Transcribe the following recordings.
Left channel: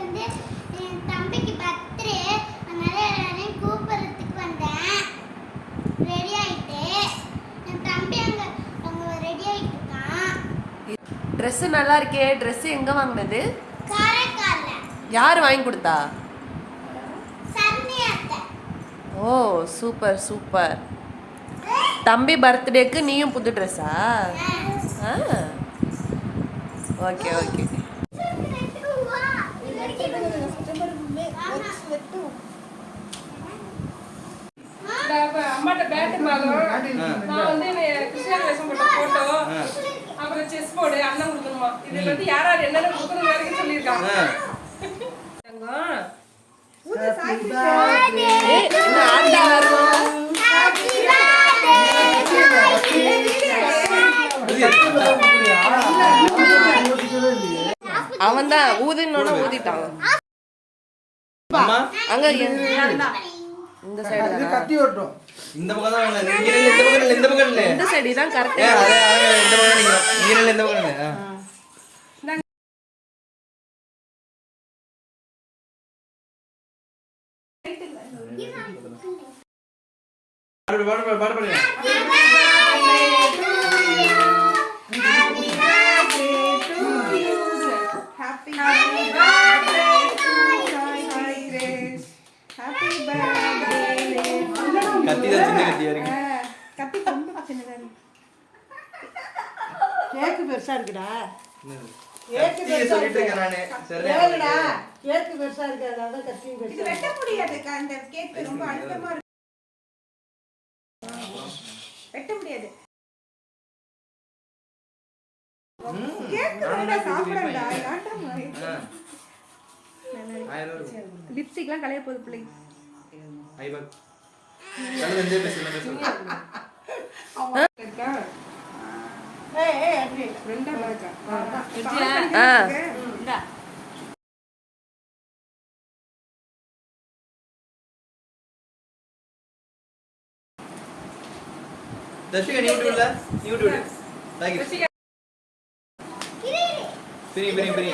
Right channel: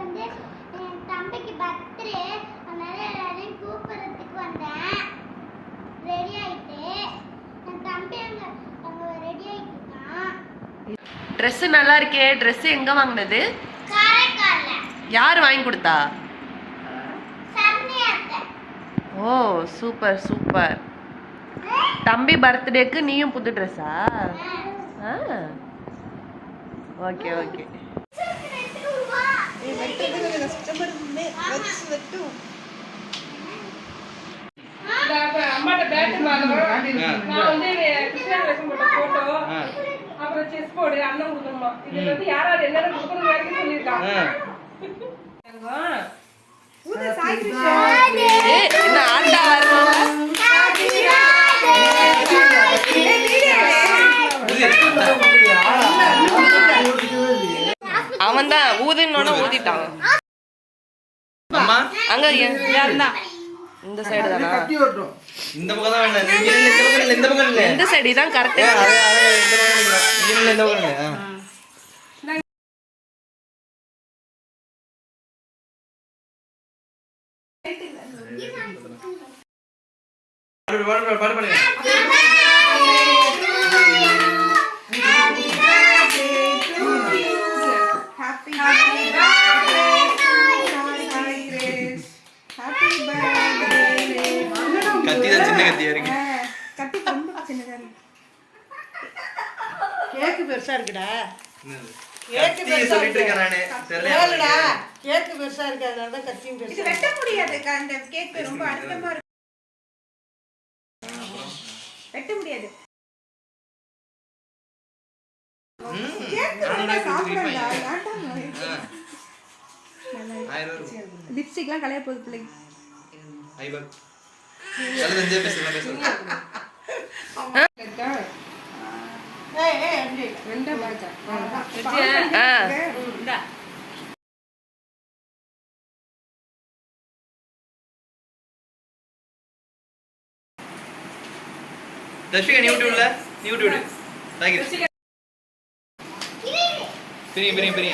வந்து என் தம்பிக்கு பர்த்டே அதனால எல்லாரையும் கூப்பிடுறதுக்கு வந்தேன். ரெடி ஆயிட்டு. என் தம்பி அங்க அங்க ரெடி ஆயிட்டு இருக்கான். ட்ரெஸ் நல்லா இருக்கே. Dress எங்க வாங்கினது? காரைக்கால்ல. யார் வாங்கி கொடுத்தா? ஓ சூப்பர் சூப்பர். தம்பி பர்த்டேக்கு நீயும் புது ட்ரெஸ்ஸா ஆ. Okay okay. அம்மாட்ட பேட்டு மாதம் நான் வந்து கிருஷ்ணர் வேஷம் போட்ட போட்டோ அப்புறம் செஸ் போர்டு அண்ணன் கொடுக்கணுமா? இது வந்து யாராவது என்னென்ன கொடுக்கணும் வரைக்கும் சொல்லியிருக்காங்க. என்ன ஆட்டா அவன் தான் ஊதுனோட ஊதிட்டான். அம்மா? அங்க இந்த சைடு தானா? இந்த பக்கம் தான் வேணும். இந்த பக்கம் இல்ல இந்த சைடு தான் கரெக்டா இந்த பக்கம் இல்ல. பாடு, பாடு, பாடு, பாடு, பாடு. கத்தி தான் சின்ன கத்தியா இருக்கு கேக்கு பெருசா இருக்குடா? கேக்கு பெருசா இருக்கு. நானு. இருக்கு. கேக்கு பெருசா இருக்கு அதனால தான் கத்தியும் இது பெருசா வெட்ட இருக்கு. முடியாதுக்கா இந்த கேக் ரொம்ப அழுத்தமா இருக்கு. வெட்ட முடியாது. லிப்ஸ்டிக்லாம் கலைய போகுது பிள்ளைங்க ஐபாக். ஆ தர்ஷிகா, நீ விட்டு விடல? நீ விட்டு விடு. தாகிர். பிரி, பிரி, பிரி.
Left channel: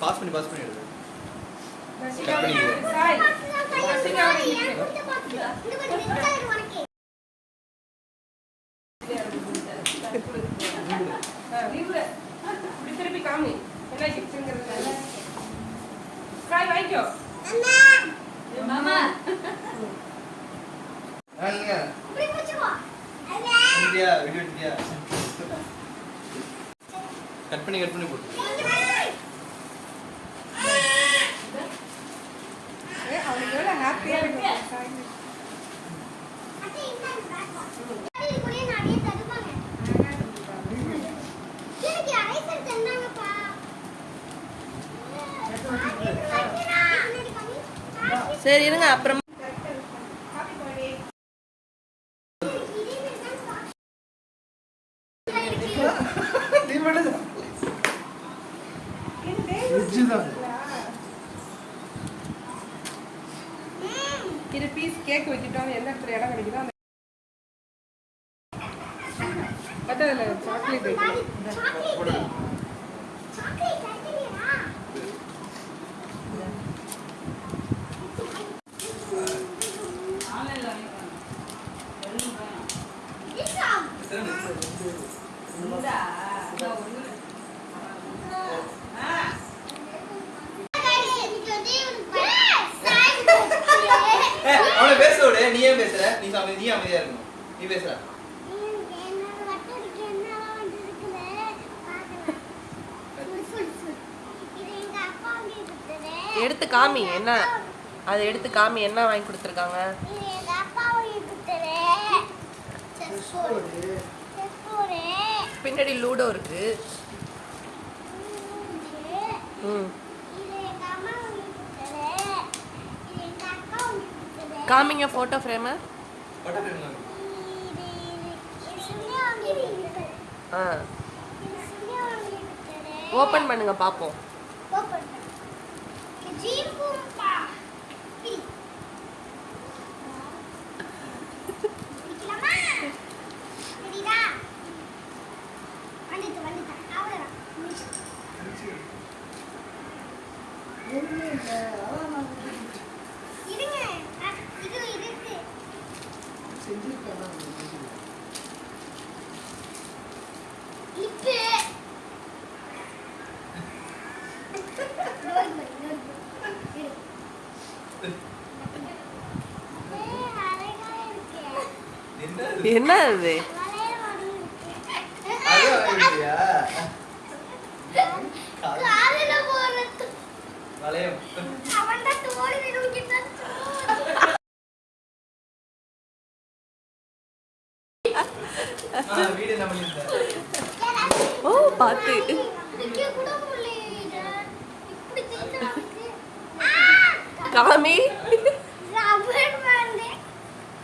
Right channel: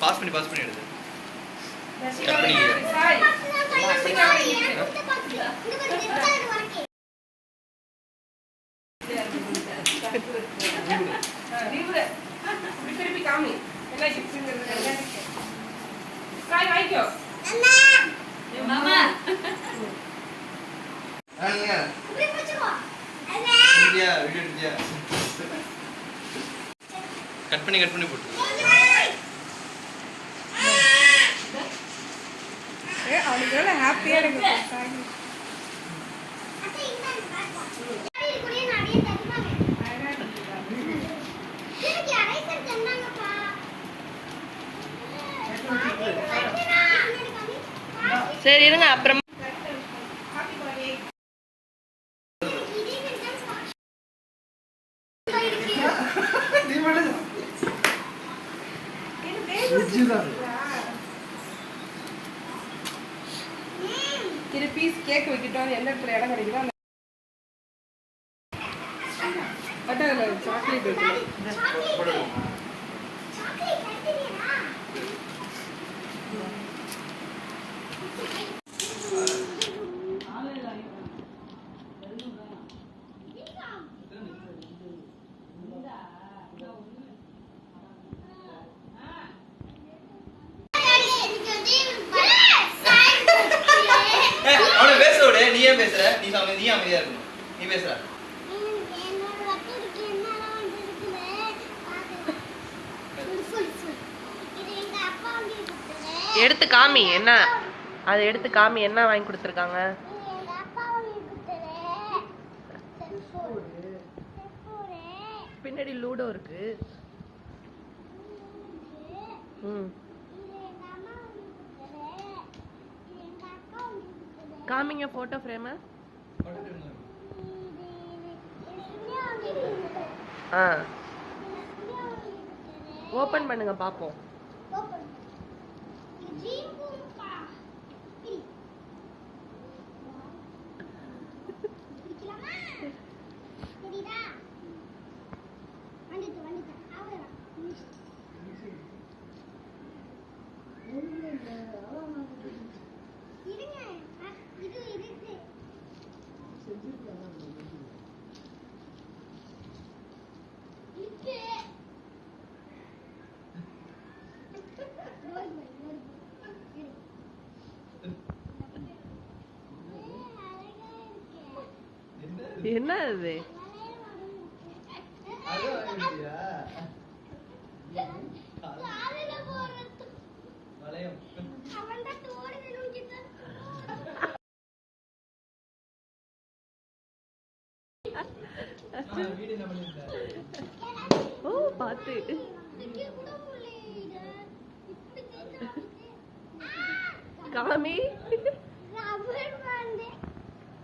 பாஸ் பண்ணி பாஸ் பண்ணி எடுத்து ரசிகா அவரை திருப்பி காமி. என்ன கிஃப்ட்ங்கிறது சாய் வாங்கிக்கோ. எடுத்தியா? கட் பண்ணி கட் பண்ணி போட்டு எவ்வளவு ஹாப்பியா இருக்கு. சரி இருங்க அப்புறம் இது பீஸ் கேக் வைக்கிட்டோம் எந்த இடத்துல இடம் கிடைக்குதோ அந்த பட்டரில் சாக்லேட் வைக்கணும் ஏய், அவனை பேச விடு நீ ஏன் பேசுற நீ நீ அமைதியா இருக்கணும். நீ பேசுற எடுத்து காமி என்ன? அதை எடுத்து காமி என்ன வாங்கி கொடுத்துருக்காங்க? பின்னாடி லூடோ இருக்கு. ம். இது எங்க அம்மா வாங்கி கொடுத்தது. இது எங்க அக்கா வாங்கி கொடுத்தது. காமிங்க ஃபோட்டோ ஃப்ரேமு ஆ. ஓப்பன் பண்ணுங்க பார்ப்போம் Thank. என்ன அது ஓ பாத்து. காமி.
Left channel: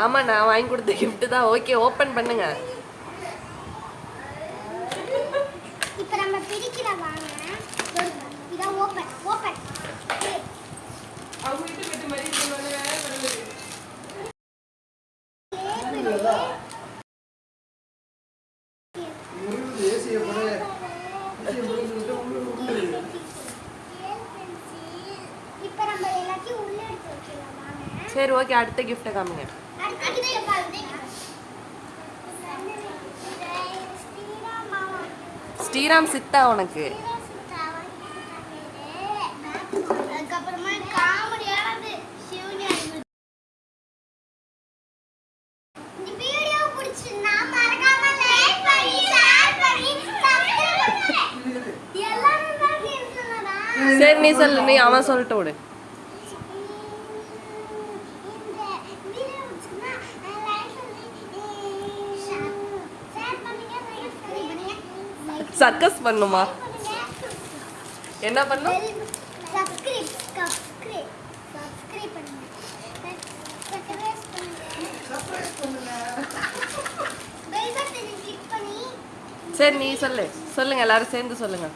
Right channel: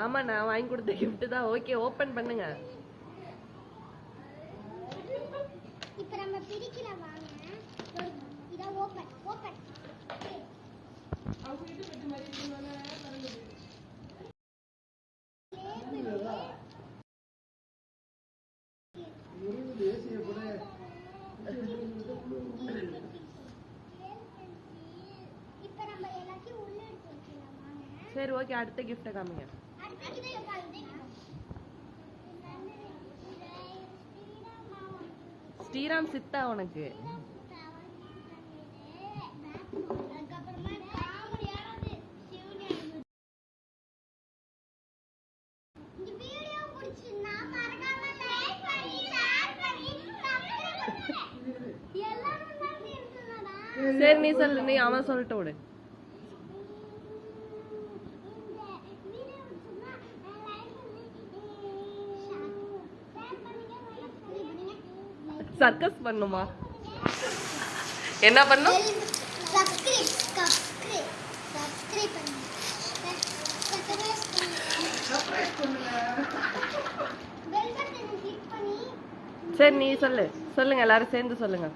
ஆமாம் நான் வாங்கி கொடுத்த கிஃப்ட் தான் ஓகே ஓப்பன் பண்ணுங்க சரி ஓகே அடுத்த கிஃப்ட்டை காமிங்க ஸ்ரீராம் சித்தா உனக்கு. சரி நீ சொல்லு நீ அவன் சொல்லிட்டு விடு. சர்க்கஸ் பண்ணுமா? என்ன பண்ணும்? சரி நீ சொல்லு. சொல்லுங்க எல்லாரும் சேர்ந்து சொல்லுங்க.